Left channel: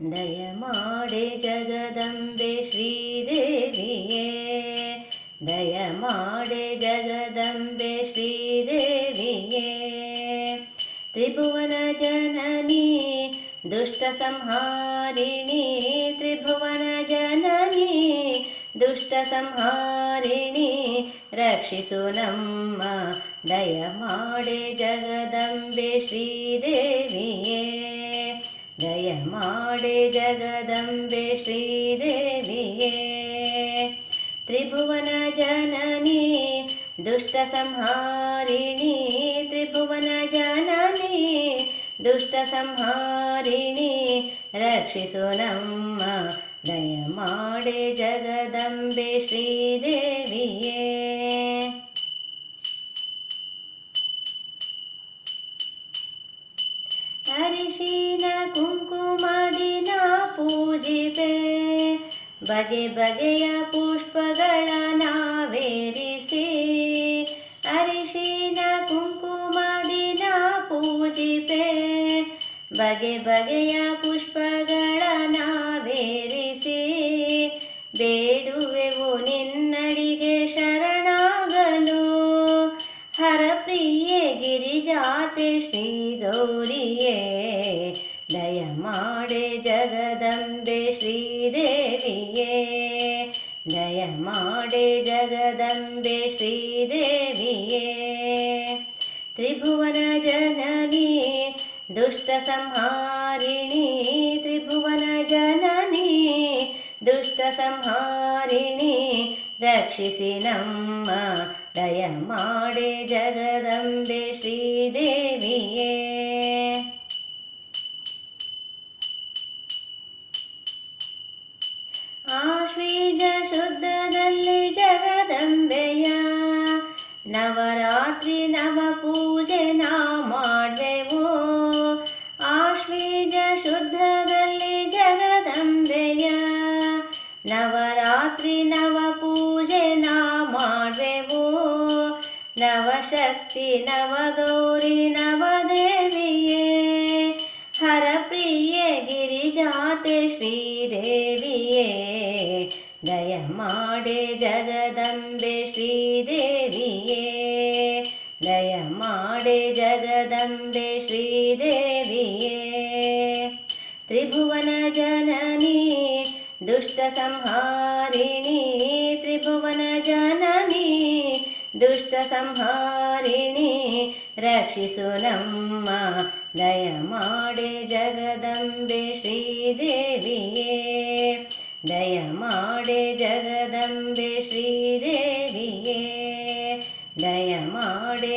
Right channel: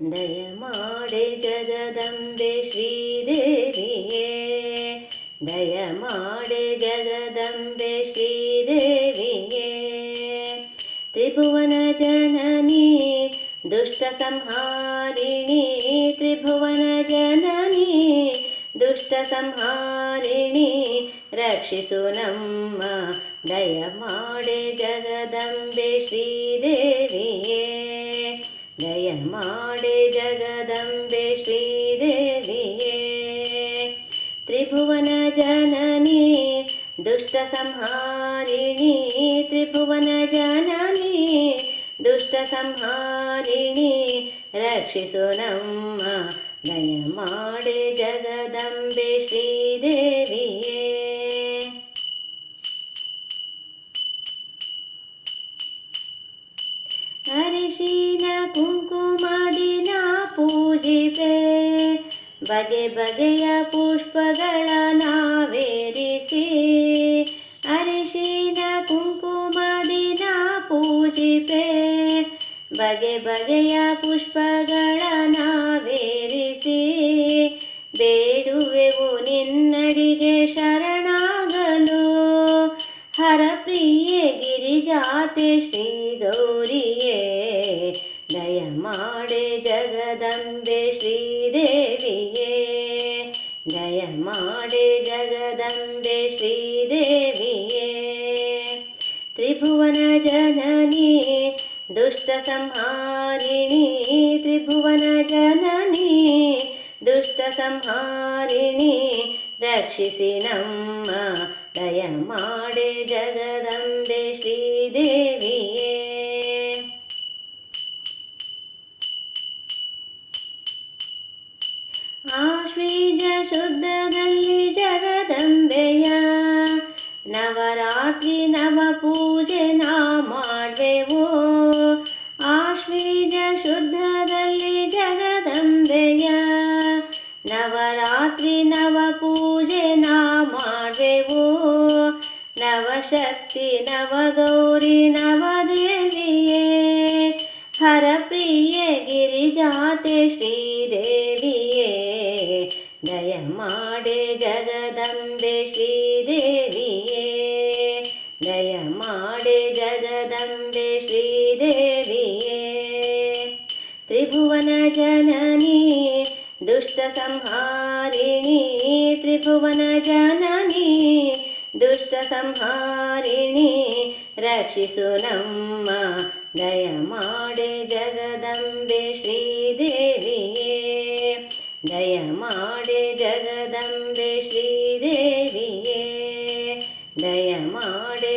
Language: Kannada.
ದಯಮಾಡೆ ಜಗದಂಬೆ ಶ್ರೀದೇವಿಯೇ, ದಯಮಾಡೆ ಜಗದಂಬೆ ಶ್ರೀದೇವಿಯೇ. ತ್ರಿಭುವನ ಜನನಿ ದುಷ್ಟ ಸಂಹಾರಿಣಿ, ತ್ರಿಭುವನ ಜನನಿ ದುಷ್ಟ ಸಂಹಾರಿಣಿ, ರಕ್ಷಿಸು ನಮ್ಮ ದಯಮಾಡೆ ಜಗದಂಬೆ ಶ್ರೀದೇವಿಯೇ, ದಯಮಾಡೆ ಜಗದಂಬೆ ಶ್ರೀದೇವಿಯೇ. ತ್ರಿಭುವನ ಜನನಿ ದುಷ್ಟ ಸಂಹಾರಿಣಿ, ತ್ರಿಭುವನ ಜನನಿ ದುಷ್ಟ ಸಂಹಾರಿಣಿ, ರಕ್ಷಿಸು ನಮ್ಮ ದಯಮಾಡೆ ಜಗದಂಬೆ ಶ್ರೀದೇವಿಯೇ. ಅರಿಶಿನ ಕುಂಕುಮದಿನ ಪೂಜಿಪೆ, ಬಗೆ ಬಗೆಯ ಪುಷ್ಪಗಳ ನಾವೇರಿಸಿ. ಅರಿಶಿನ ಕುಂಕುಮದಿನ ಪೂಜಿಪೆ, ಬಗೆ ಬಗೆಯ ಪುಷ್ಪಗಳ ನಾವೇರಿಸಿ. ಬೇಡುವೆವು ನಿನ್ನಡಿಗೆ ಶರಣಾಗಲು, ಹರಪ್ರಿಯೆ ಗಿರಿಜಾತೆ ಶ್ರೀ ಗೌರಿಯೇ. ದಯಮಾಡೆ ಜಗದಂಬೆ ಶ್ರೀದೇವಿಯೇ, ದಯಮಾಡೆ ಜಗದಂಬೆ ಶ್ರೀದೇವಿಯೇ. ತ್ರಿಭುವನ ಜನನಿ ದುಷ್ಟ ಸಂಹಾರಿಣಿ, ತ್ರಿಭುವನ ಜನನಿ ದುಷ್ಟ ಸಂಹಾರಿಣಿ, ರಕ್ಷಿಸಿ ನಮ್ಮ ದಯಮಾಡೆ ಜಗದಂಬೆ ಶ್ರೀದೇವಿಯೇ. ಆಶ್ವೀಜ ಶುದ್ಧದಲ್ಲಿ ಜಗದಂಬೆಯ ನವರಾತ್ರಿ ನವ ಪೂಜೆ ನಾ ಮಾಡುವೆವು. ಆಶ್ವೀಜ ಶುದ್ಧದಲ್ಲಿ ಜಗದಂಬೆಯ ನವರಾತ್ರಿ ನವ ಪೂಜೆ ನಾ ಮಾಡುವೆವು. ನವಶಕ್ತಿ ನವಗೌರಿ ನವದೇವಿಯೇ, ಹರಪ್ರಿಯೆ ಗಿರಿಜಾತೆ ಶ್ರೀದೇವಿಯೇ. ದಯಮಾಡೆ ಜಗದಂಬೆ ಶ್ರೀದೇವಿಯೇ, ದಯಮಾಡೆ ಜಗದಂಬೆ ಶ್ರೀದೇವಿಯೇ. ತ್ರಿಭುವನ ಜನನಿ ದುಷ್ಟ ಸಂಹಾರಿಣಿ, ತ್ರಿಭುವನ ಜನನಿ ದುಷ್ಟ ಸಂಹಾರಿಣಿ, ರಕ್ಷಿಸು ನಮ್ಮ ದಯಮಾಡೆ ಜಗದಂಬೆ ಶ್ರೀದೇವಿಯೇ, ದಯಮಾಡೆ ಜಗದಂಬೆ ಶ್ರೀದೇವಿಯೇ, ದಯಮಾಡೆ